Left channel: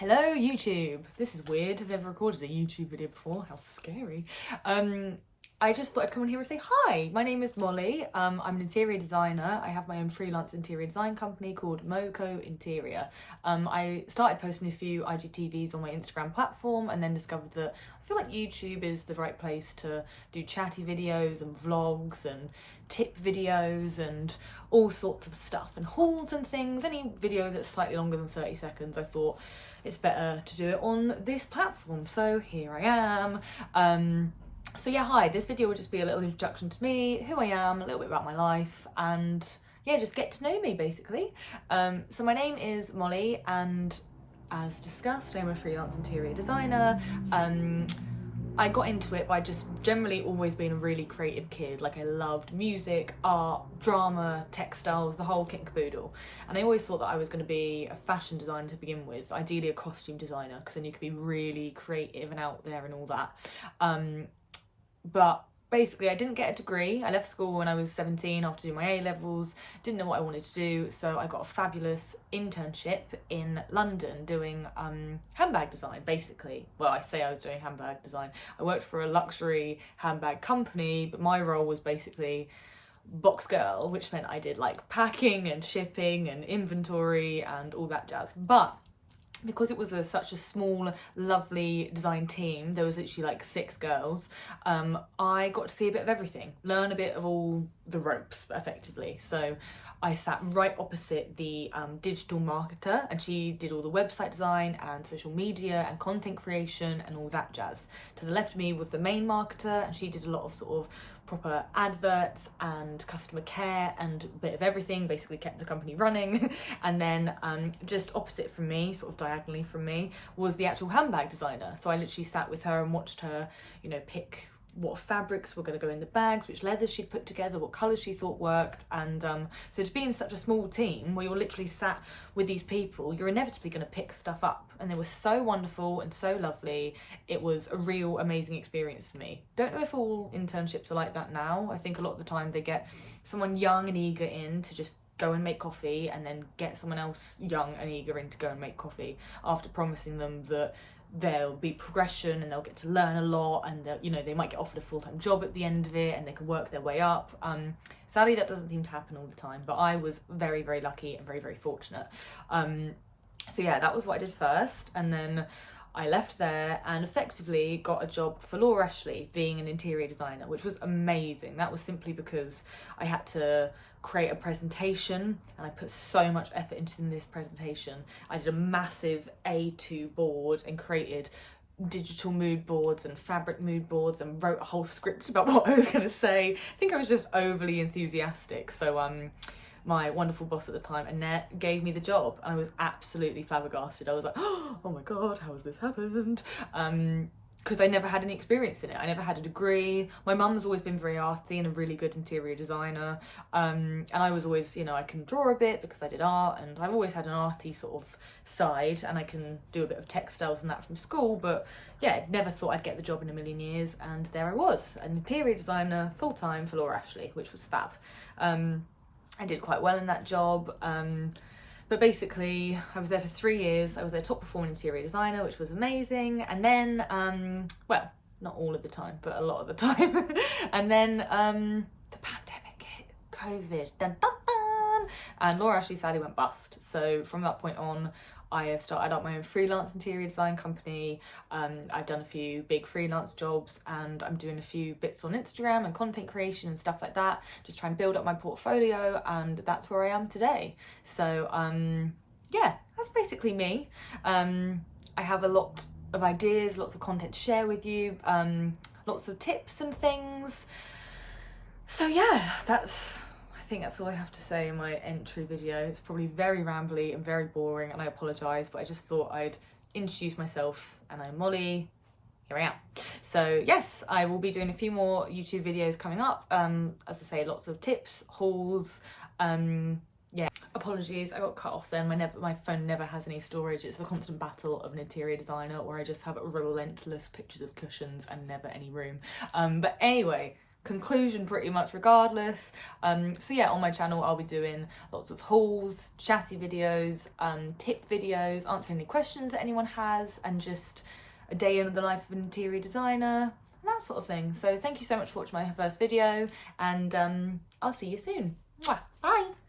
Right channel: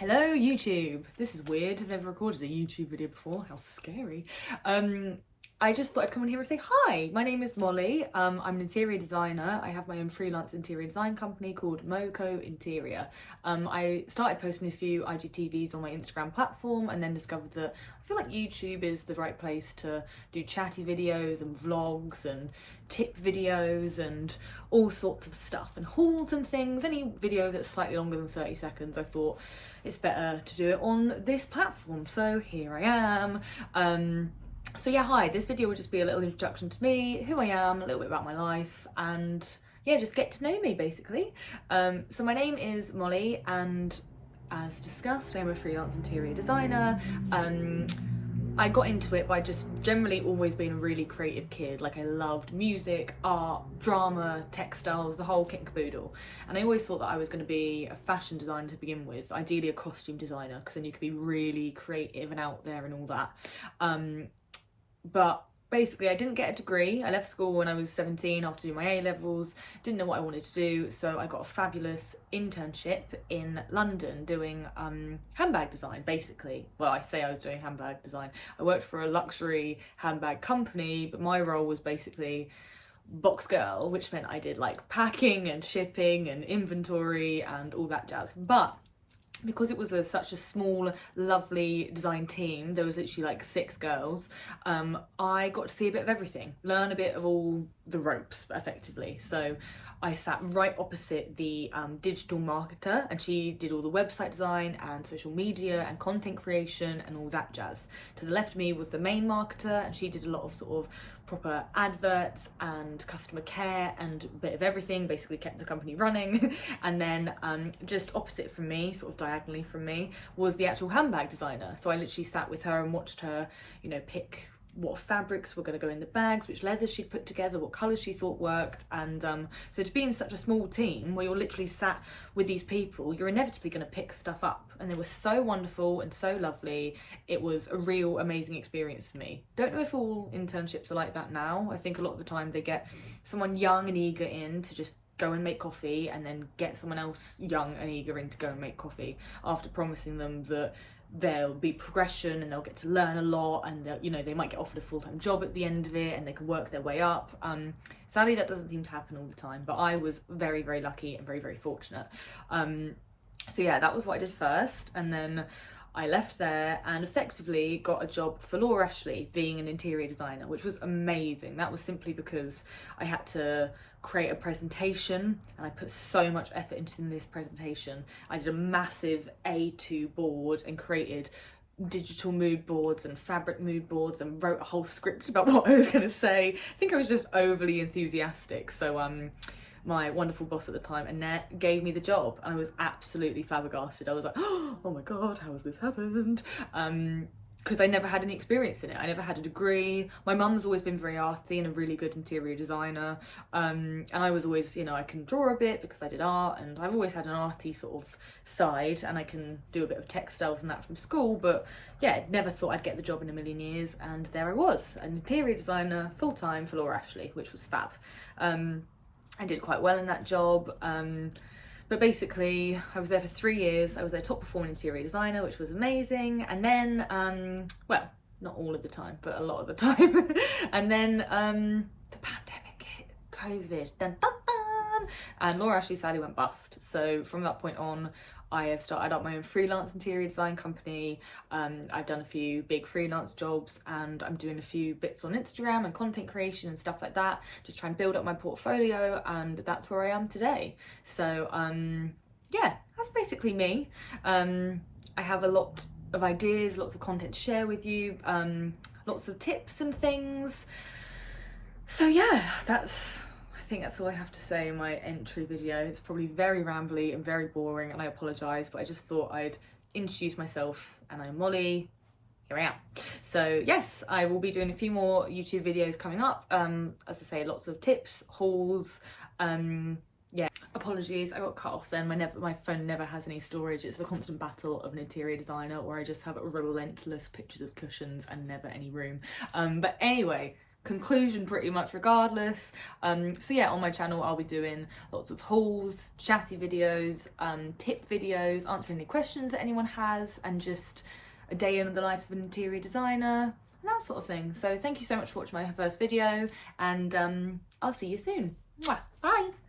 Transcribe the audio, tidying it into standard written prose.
Hello YouTube! This is weird, I've never recorded a YouTube video before, how scary. I just thought I'd come on here and say hi! My name is Molly, I'm an interior designer. I have my own freelance interior design company called Moco Interior. I started posting a few IGTVs on my Instagram platform and then discovered that I feel like YouTube is the right place to do chatty videos and vlogs and tip videos and all sorts of stuff and hauls and things. Any video that's slightly longer than 30 seconds, I thought it's better to do it on this platform, so here I am. So yeah, hi, this video will just be a little introduction to me, who I am, a little bit about my life, and yeah, just get to know me basically. So my name is Molly, and as discussed, I'm a freelance interior designer. I got into it by just generally always being a really creative kid. Like, I loved music, art, drama, textiles, the whole kit and caboodle. And I always thought that I was going to be a fashion designer to begin with, ideally a costume designer, because then you could be really creative and out there and all that. But basically I didn't get a degree. I left school when I was 17 after doing my A-levels, didn't know what I wanted to do, so I got a fabulous internship in London doing handbag design, basically. Well, I say I was doing handbag design. I worked for a luxury handbag company, but my role was basically box girl, which meant I did like packing and shipping and inventory and all that jazz. But because it was such a small, lovely design team, there was literally like 6 girls, I got to see a bit of everything, learn a bit of all the ropes, effectively. So I sat right opposite the digital marketer, and she did all the website design and social media and content creation and all that jazz. To the left of me was the main marketer, and she did a lot of sort of proper adverts and customer care and a bit of everything, basically kept the company running. And then just opposite from me, sort of diagonally from me, was the actual handbag designer. So I literally sat with her and watched her, you know, pick what fabrics were going to go in the bags, which leathers she'd put together, what colours she thought worked. And so to be in such a small team where you're literally sat with these people, you're inevitably going to pick stuff up, and they were so wonderful and so lovely. It was a real amazing experience for me. Don't know if all internships are like that now. I think a lot of the time they get someone young and eager in to just go and make coffee, and then get someone else young and eager in to go and make coffee after promising them that there'll be progression and they'll get to learn a lot, and you know, they might get offered a full-time job at the end of it and they can work their way up. Sadly, that doesn't seem to happen all the time, but I was very, very lucky and very, very fortunate. So yeah, that was what I did first, and then I left there and effectively got a job for Laura Ashley being an interior designer, which was amazing. That was simply because I had to create a presentation, and I put so much effort into this presentation. I did a massive A2 board and created digital mood boards and fabric mood boards and wrote a whole script about what I was going to say. I think I was just overly enthusiastic. So my wonderful boss at the time, Annette, gave me the job, and I was absolutely flabbergasted. I was like, oh my god, how has this happened? Because I never had any experience in it. I never had a degree. My mum's always been very arty and a really good interior designer, and I was always, you know, I can draw a bit because I did art, and I've always had an arty sort of side, and I can do a bit of textiles and that from school, but yeah, never thought I'd get the job in a million years, and there I was, an interior designer full-time for Laura Ashley, which was fab. I did quite well in that job, but basically I was there for 3 years. I was their top performing interior designer, which was amazing. And then, well, not all of the time, but a lot of the time. And then the pandemic hit, COVID, dun, dun, dun, and Laura Ashley sadly went bust. So from that point on, I have started up my own freelance interior design company. I've done a few big freelance jobs, and I'm doing a few bits on Instagram and content creation and stuff like that, just try and build up my portfolio, and that's where I am today. So yeah, that's basically me. I have a lot of ideas, lots of content to share with you, lots of tips and things. So yeah, I think that's all I have to say in my entry video. It's probably very rambly and very boring, and I apologise, but I just thought I'd introduce myself, and I'm Molly. Here I am. So yes, I will be doing a few more YouTube videos coming up. As I say, lots of tips, hauls. Yeah, apologies, I got cut off then. My phone never has any storage. It's the constant battle of an interior designer, where I just have relentless pictures of cushions and never any room. But anyway, conclusion pretty much regardless. So yeah, on my channel I'll be doing lots of hauls, chatty videos, tip videos, answering any questions that anyone has, and just a day in the life of an interior designer, and that sort of thing. So thank you so much for watching my first video, and I'll see you soon. Mwah. Bye.